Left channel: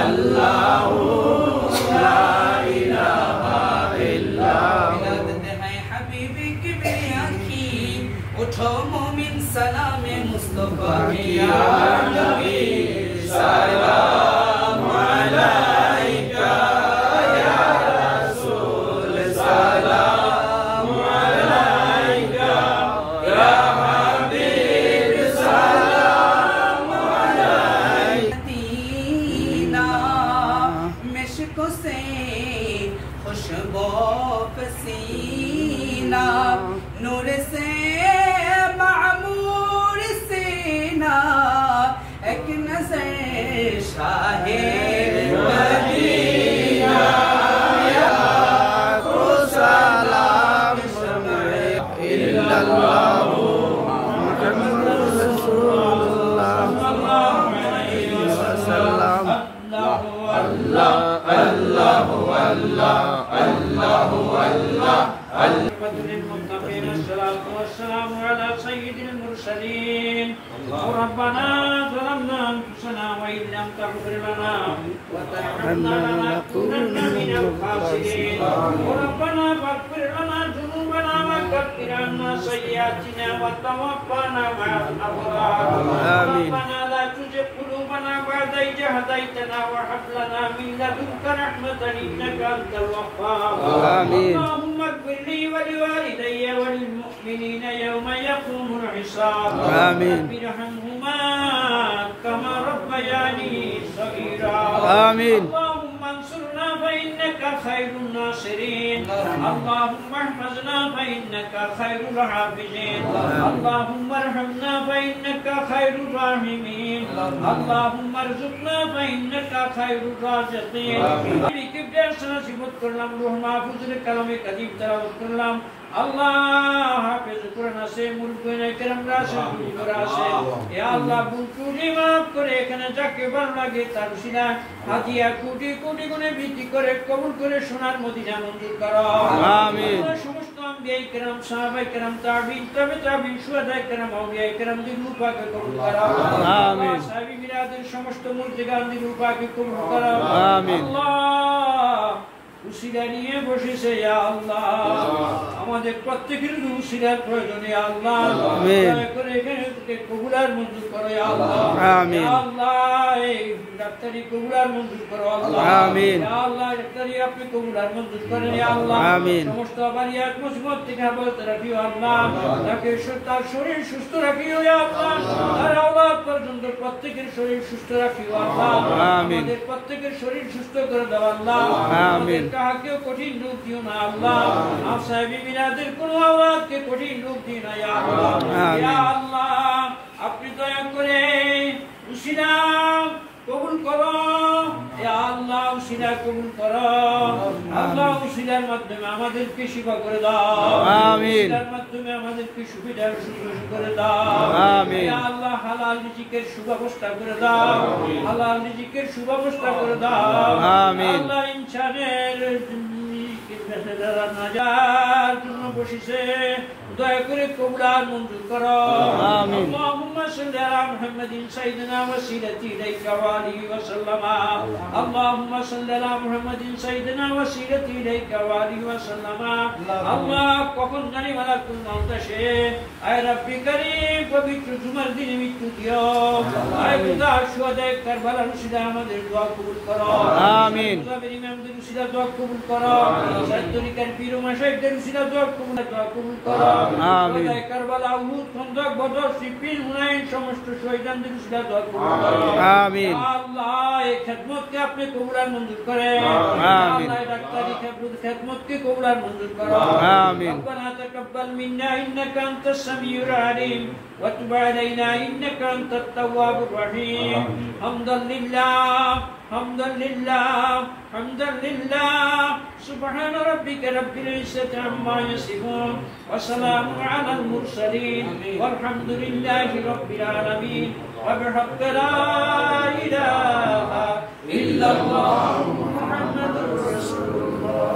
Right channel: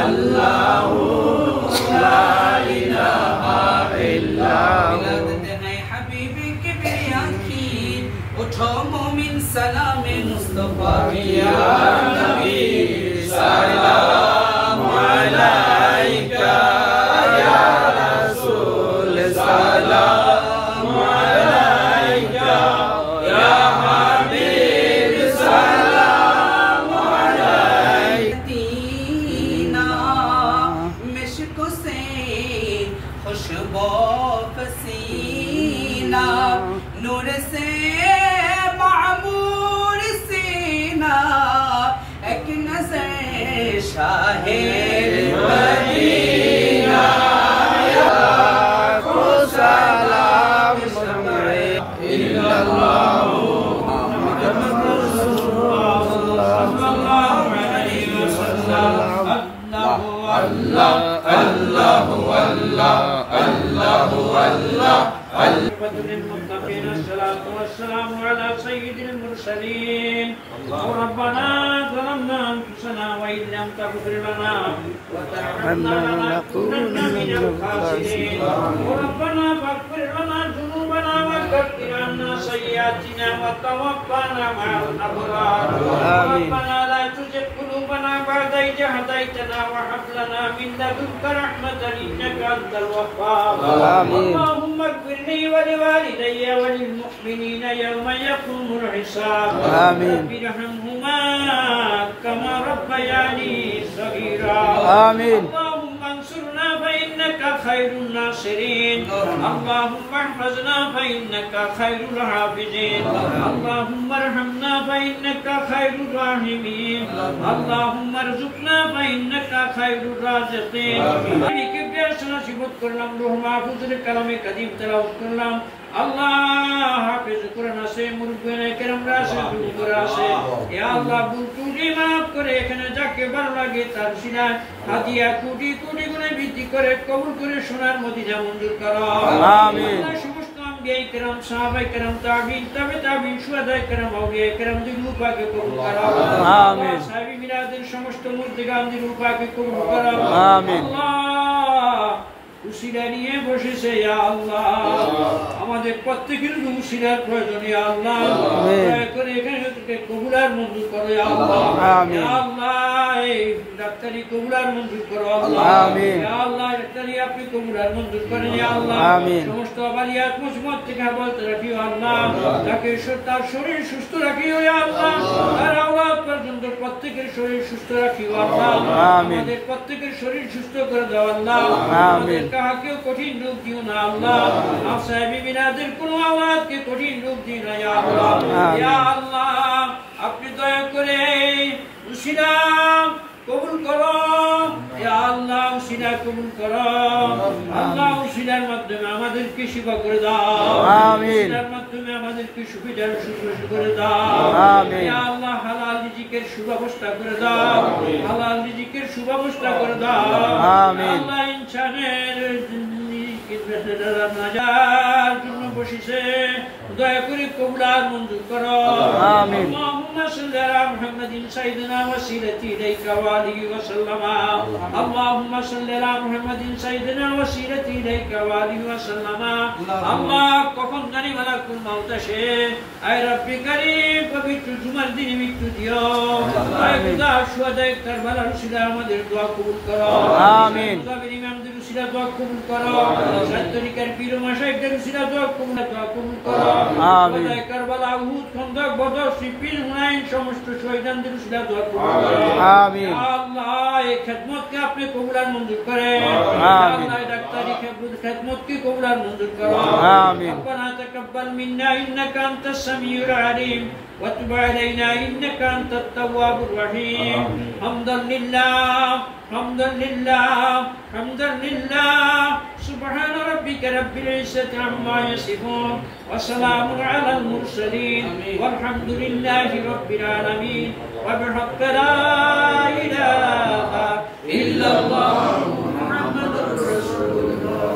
अल्लाहु ला इलाहा इल्लल्लाह। हबीबी किबरिया की उठो मोमिन सलामे मुस्तफा की या नबी सलाम अलैका या रसूल सलाम अलैका या हबीब सलाम अलैका। मिश्क से खुशबू पसीना नूर से मामूर सीना एक नज़र शाहे मदीना या को सलाम इल्लल्लाहु मुहम्मदुर रसूलुल्लाह सल्लल्लाहु अलैहि वसल्लम। अल्लाह अल्लाह अल्लाह अल्लाह अल्लाह للمتقين الصلاة والسلام على سيد المرسلين. ربنا ظلمنا أنفسنا وإن لم تغفر لنا وترحمنا لنكونن من الخاسرين. ربنا فاغفر لنا ذنوبنا وكفر عنا سيئاتنا وتوفنا مع الأبرار. ربنا لا تزغ قلوبنا بعد إذ هديتنا وهب لنا من لدنك رحمة إنك أنت الوهاب. اللهم اغفر لي ولوالدي وللمؤمنين يوم يقوم الحساب. رب ارحمهما كما ربياني صغيرا. اللهم انصرنا فإنك خير الناصرين. اللهم احفظنا فإنك خير الحافظين. اللهم ارحمنا فإنك خير الراحمين. اللهم ارزقنا فإنك خير الرازقين. কালামে কাদিম তেলাওয়াত করলাম। আল্লাহ হাফেজ কোরআন আছে, মুরব্বিয়ানে কেরামরা আছে, বুজুর্গরা আছে। ইয়া আল্লাহ ভুল ত্রুটি মাফ করে এখানে যাকে ভালো লাগে তার সিনায় হাদিয়া কোটি কোটি গুণে বৃদ্ধি করে কবুল করে সোনার মদিনা মঞ্জুর করো। আমিন। সমস্ত আম্বিয়ায়ে কেরাম, সাহাবায়ে কেরাম, তাবিঈন, তাবে তাবিঈন, শুহাদায়ে কেরাম, আউলিয়ায়ে কেরাম দিল পাকে কবুল করো। আমিন। সাহাবী বিরাদের সমস্ত মুর্দিগান দিল পাকে কবুল করো। আমিন। আল্লাহ উসিলা নিয়ে বসেছে ইয়া আল্লাহ, আমাদের প্রত্যেকের উসিলার প্রয়োজন ইয়া আল্লাহ। দয়া করে এখানে থেকে কবুলার মঞ্জুর করো ইয়া আল্লাহ। আমিন। ইয়া আল্লাহ এই ডাক্তারি কবুলার মঞ্জুর করো আল্লাহ। আমিন। ইয়া আল্লাহ ডাক্তারি আপনি কবুলার মঞ্জুর করেন ইয়া আল্লাহ। আমিন। সমস্ত বালিয়াত মুসিবত থেকে হেফাজত রাখিও আল্লাহ। তাকে তার শরীর সুস্থ রাখিও ইয়া আল্লাহ। তার আওলাদ পর্যন্ত প্রত্যেকের শরীর সুস্থ রাখিও আল্লাহ। আমাদের প্রত্যেকের শরীর সুস্থ করে দাও আল্লাহ। আমাদের কাহাকেও কঠিন রূপ দিও না আল্লাহ। আর সাহেবী বিরাদের কোন আওলাদকে কঠিন রূপ দিও না ইয়া আল্লাহ। ইয়া আল্লাহ আপনি দয়া করে উসিলা কবুল করো ইয়া আল্লাহ, উসিলা কবুল করো আল্লাহ। উসিলার মাধ্যমে আমাদেরকে সেবা করে দাও। আমিন। উসিলার মাধ্যমে আমাদেরকে সুবিধার সুযোগ করে দাও। আমিন। ইয়া আল্লাহ হালাল রিজিকের সুব্যবস্থা করে দাও। হালাল রিজিকের সুব্যবস্থা করে দাও। আমিন। আল্লাহ ইনসানের নাজার জন্য বসেছে, দয়া করে কবুলার মঞ্জুর করো। আমিন। আল্লাহুম্মা সাল্লি আলা মুহাম্মাদিন সাইয়্যিদিনা ওয়াসিলাতি ইলাইকা ওয়া আলিহি ওয়া সাল্লামা। আল্লাহুম্মা সাল্লি আলা মুহাম্মাদিন সাইয়্যিদিনা ওয়াসিলাতি ইলাইকা ওয়া আলিহি ওয়া সাল্লামা। আল্লাহ কখন জানি মালাকুল মউত আসে, আয় রব্বি কারীম পবিত্র জুমার দিনে মৃত্যু দিও। আয় খোদা শুহাদায়ে কারবালার উসিলা আমাদের দোয়া কবুল করো। আমিন। খোদা ইমামদের উসিলা দোয়া কবুল করো। তরিকার পীর ও মাশায়েখদের উসিলা দোয়া কবুল করো। আমিন। খোদা কারবালা, উহুদ, খন্দক, বদর, সিফিন, হুনাইন সমস্ত শহীদদের উসিলা দোয়া কবুল করো। আমিন। আল্লাহ এই খিদমতকে আপনি কবুলার মঞ্জুর করেন। আমিন। আল্লাহ ডাক্তারি খিদমতকে কবুলার মঞ্জুর করো। আমিন। রব্বানা তাকাব্বাল মিন্না ইন্নাকা আনতাস সামিউল আলিম ওয়া তুব আলাইনা ইন্নাকা আনতাত তাওয়াবুর রহিম। হামদান লিল্লাহ حمدا لله حمدا لله سبحان ربك رب العزة عما يصفون وسلام على المرسلين والحمد لله رب العالمين وبحق لا إله إلا الله محمد رسول الله.